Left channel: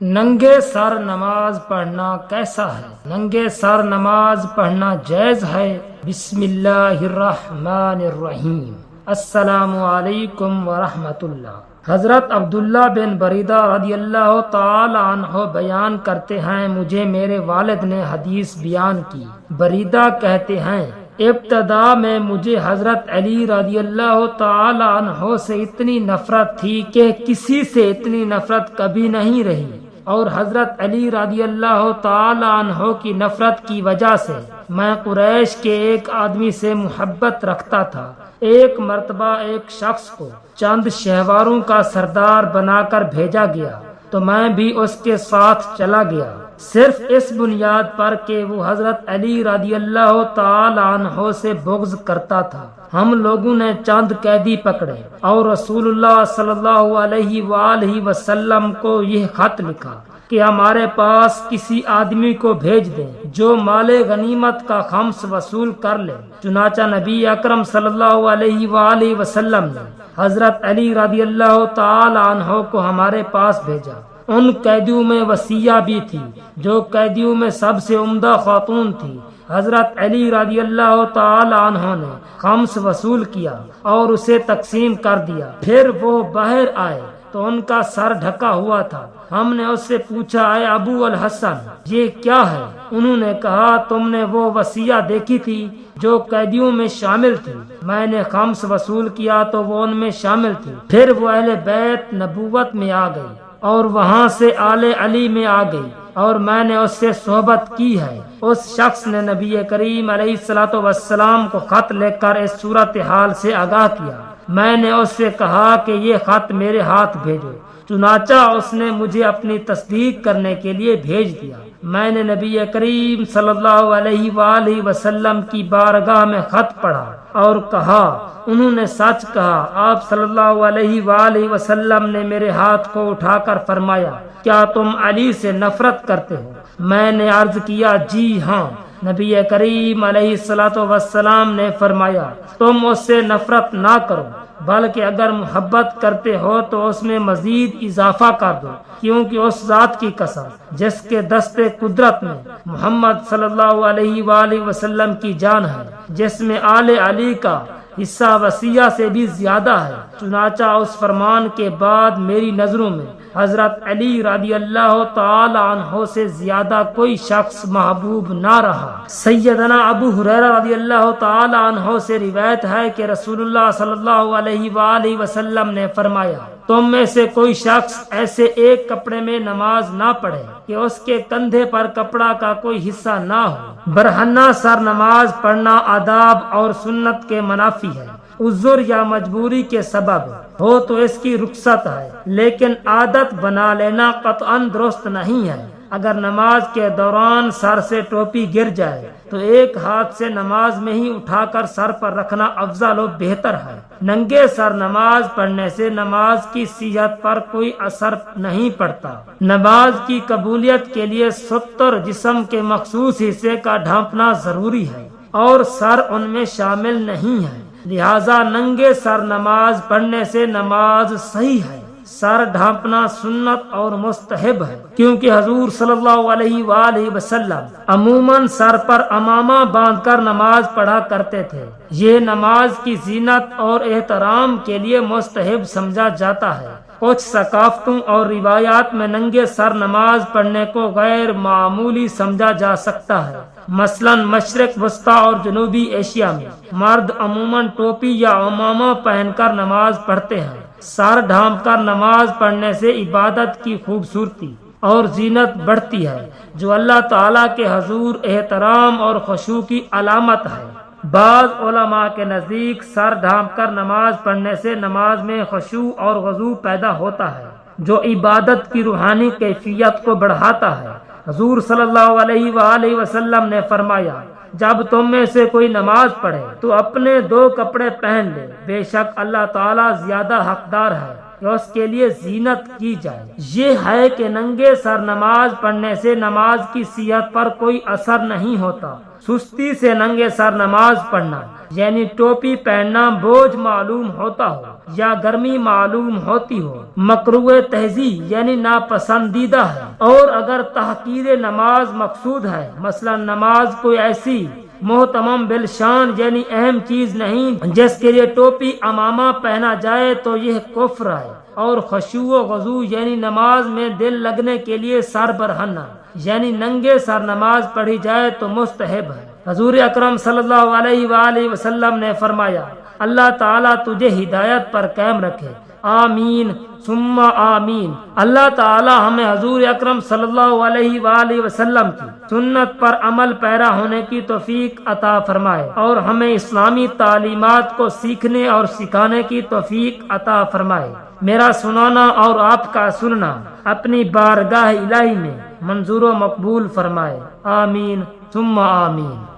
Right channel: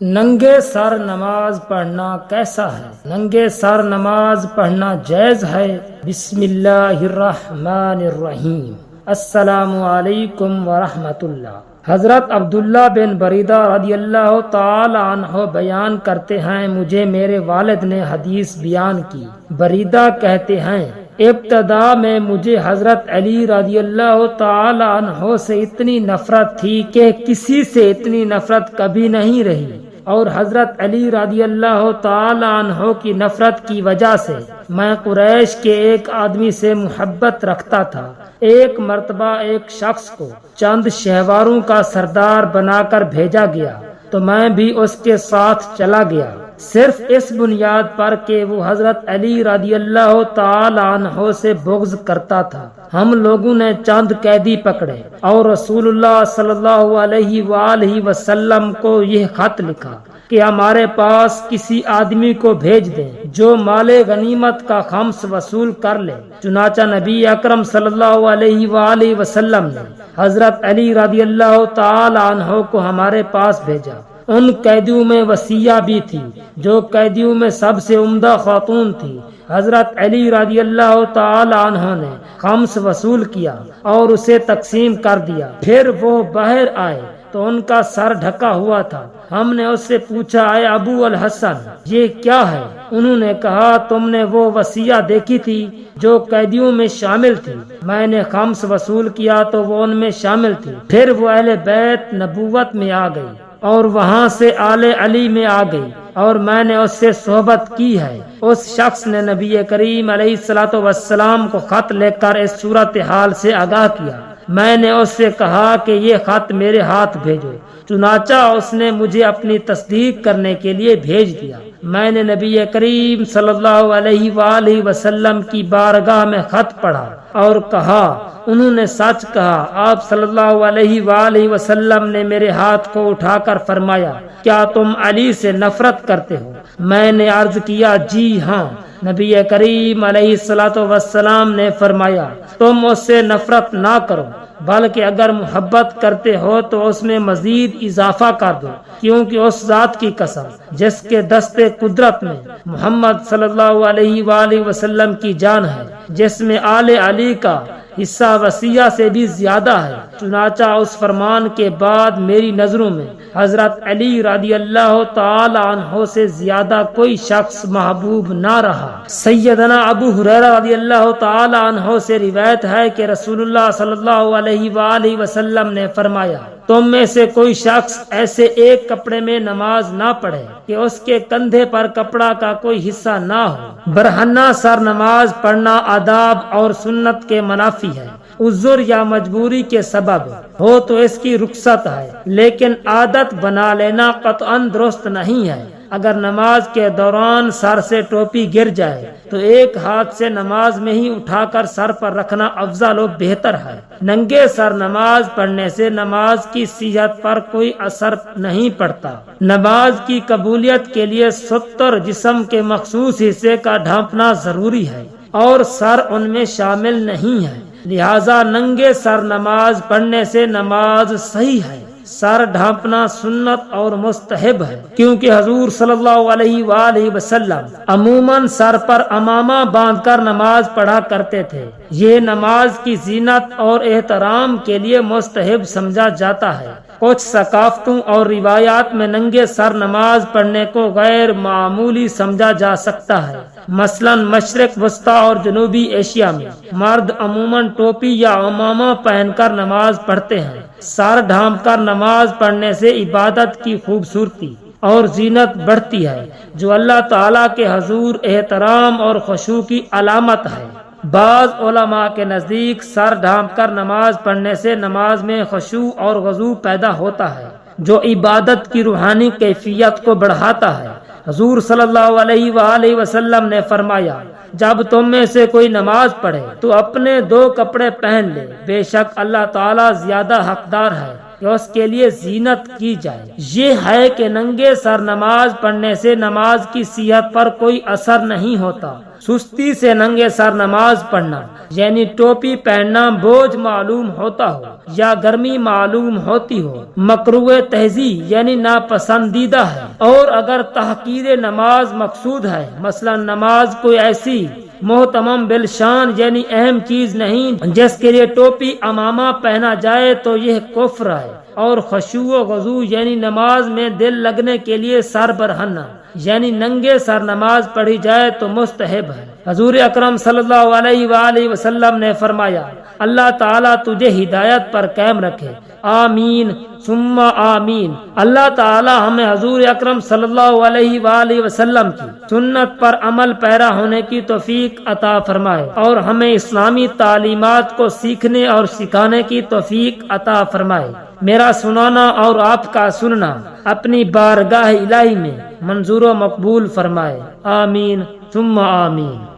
ننگے سر نماز پڑھنا کیسا ہے؟ ننگے سر نماز پڑھنا جائز ہے۔ بسم اللہ الرحمن الرحیم۔ السلام علیکم ورحمۃ اللہ۔ حضرت عبداللہ بن بریدہ رضی اللہ تعالی عنہ بیان کرتے ہیں، مجھے میرے والد نے حدیث بیان کی۔ بریدہ کہتے ہیں، ابتدا میں مجھے حضرت علی رضی اللہ تعالی عنہ سے اتنی نفرت تھی کہ کسی سے اتنی نفرت کبھی نہیں رہی، اور حضرت علی رضی اللہ تعالی عنہ کی نفرت کی وجہ سے میں قریش کے ایک آدمی سے محبت رکھتا تھا۔ ایک مرتبہ ایک شخص کو چند شہواروں کا سردار بنا کر بھیجا گیا تو میں بھی اس کے ساتھ چلا گیا، صرف اس بنیاد پر کہ وہ حضرت علی رضی اللہ تعالی عنہ سے بغض کرتا تھا۔ ہم لوگوں نے چند قیدی پکڑے اور رسول اللہ صلی اللہ علیہ وآلہ وسلم کو یہ خط لکھا کہ ہمارے پاس کسی آدمی کو بھیج دیں جو مال غنیمت کا خمس وصول کر لے۔ چنانچہ نبی اکرم صلی اللہ علیہ وآلہ وسلم نے حضرت علی رضی اللہ تعالی عنہ کو ہمارے پاس بھیجا۔ ان قیدیوں میں وصیہ بھی تھی، جو قیدیوں میں سب سے عمدہ خاتون تھی۔ حضرت علی رضی اللہ تعالی عنہ نے خمس وصول کیا اور اسے تقسیم کر دیا۔ پھر وہ باہر آئے تو ان کا سر ڈھکا ہوا تھا۔ ہم نے اس سے پوچھا، اے ابو الحسن، یہ کیا ہے؟ انہوں نے کہا، تم نے وہ وصیہ دیکھی تھی جو قیدیوں میں شامل تھی؟ میں نے خمس وصول کیا تو وہ ان میں شامل تھی۔ پھر وہ اہل بیت نبوت میں آ گئی اور وہاں سے آل علی میں آ گئی اور میں نے اس سے صحبت کی ہے۔ اس شخص نے نبی کریم علیہ الصلوۃ والسلام کو خط لکھ کر اس صورتحال سے آگاہ کیا۔ میں نے اس سے کہا کہ یہ خط میرے ہاتھ بھیجو۔ چنانچہ اس نے مجھے اپنی تصدیق کرنے کے لیے بھیج دیا۔ میں نے نبی کریم صلی اللہ علیہ وآلہ وسلم کی بارگاہ میں خط پڑھا اور کہا، انہوں نے سچ کہا۔ آپ صلی اللہ علیہ وآلہ وسلم نے میرے ہاتھ کو اٹھا کر فرمایا، کیا تم علی سے نفرت کرتے ہو؟ میں نے عرض کیا، جی ہاں۔ نبی کریم علیہ الصلوۃ والسلام نے فرمایا، تم اس سے نفرت نہ کرو، بلکہ اگر محبت کرتے ہو تو اس میں مزید اضافہ کر دو، کیونکہ اس ذات کی قسم جس کے دستے قدرت میں محمد صلی اللہ علیہ وآلہ وسلم کی جان ہے، جس میں آل علی کا حصہ وصیہ سے بھی زیادہ ہے۔ چنانچہ اس فرمان کے بعد میری نظروں میں حضرت علی رضی اللہ تعالی عنہ سے زیادہ کوئی شخص محبوب نہ رہا۔ سیدنا ابو ہریرہ رضی اللہ تعالی عنہ سے روایت ہے کہ رسول اللہ صلی اللہ علیہ وآلہ وسلم نے فرمایا، تم میں سے کوئی شخص ایسے ایک کپڑے میں نماز نہ پڑھے کہ اس کے کندھے پر کپڑا کا کوئی حصہ نہ ہو۔ برہنہ سر نماز پڑھنا آداب اور سنت کے منافی ہے۔ عذر یا مجبوری کے سبب ہو تو اس کی رخصت ہے، لیکن عادت بنا لینا قطعاً درست نہیں ہے۔ اگر نماز کے دوران سر سے ٹوپی گر جائے تو ایک ہاتھ سے نماز میں ہی اٹھا کر سر پر رکھنا افضل و بہتر ہے۔ ننگے سر نماز پڑھنے سے نماز کی صحت پر کوئی اثر نہیں پڑتا۔ نماز کی قبولیت کے لیے ستر جسم کے مخصوص حصے کا ڈھانپنا ضروری ہے اور سر ان میں شامل نہیں ہے، لہذا ننگے سر نماز پڑھنے سے نماز صحیح ہے۔ سر ڈھانپنا سنت اور مستحب ہے، کیونکہ حضور صلی اللہ علیہ وآلہ وسلم عموماً سر پر عمامہ باندھ کر نماز پڑھا کرتے تھے۔ یہ نماز کی زینت اور احترام کے لیے مستحب سمجھا جاتا ہے۔ کچھ ثقافتوں اور روایات میں ننگے سر نماز پڑھنے کو غیر معمولی سمجھا جا سکتا ہے۔ مثلاً مشرق وسطیٰ اور جنوبی ایشیا میں مرد عموماً ٹوپی یا عمامہ پہن کر نماز پڑھتے ہیں۔ سر ڈھانپ کر نماز پڑھنے سے عبادت کی خوبصورتی اور زینت بڑھتی ہے، جو اللہ تعالیٰ کے حضور احترام اور خشوع کی علامت ہے۔ بعض علماء کے نزدیک سر ڈھانپ کر نماز پڑھنے سے نماز میں خشوع اور خضوع پیدا ہوتا ہے، جو عبادت کی روحانی کیفیت کو بڑھاتا ہے۔ حضور صلی اللہ علیہ وآلہ وسلم نے فرمایا، جب تم میں سے کوئی نماز پڑھے تو اپنے دو کپڑے پہن لے، بے شک اللہ تعالیٰ زیادہ حقدار ہے کہ اس کے لیے زینت کی جائے۔ یہ ہے کہ ننگے سر نماز پڑھنے سے نماز کی صحت پر کوئی اثر نہیں ہوتا۔ سستی سے ننگے سر نماز پڑھنا یعنی ٹوپی پہننا بوجھ معلوم ہوتا ہو یا گرمی معلوم ہوتی ہو، مکروہ تہذیب یعنی ناپسندیدہ ہے۔ اور اگر تحقیر نماز مقصود ہے، مثلا نماز کوئی ایسی محتمم بالشان یعنی اہم چیز نہیں جس کے لیے ٹوپی امامہ پہنا جائے، تو یہ کفر ہے۔ اور خشوع و خضوع یعنی نماز میں دل لگنے کے لیے سر برہنہ یعنی ننگے سر نماز پڑھی جائے تو مستحب ہے۔ حضور اکرم صلی اللہ علیہ وآلہ وسلم نے فرمایا، اللہ تعالیٰ تجھے ہدایت پر قائم رکھے، آمین ثم آمین۔ اللہ تعالی ہمیں حضور اکرم صلی اللہ علیہ وآلہ وسلم کی سنت پر عمل پیرا ہونے کی توفیق عطا فرمائے، اور ہمیں اسلامی تعلیمات کو سیکھنے اور سکھانے کی توفیق عطا فرمائے۔ میرا سنانا اور آپ کا سننا اپنی بارگاہ الہی میں منظور و مقبول فرمائے، آمین ثم آمین۔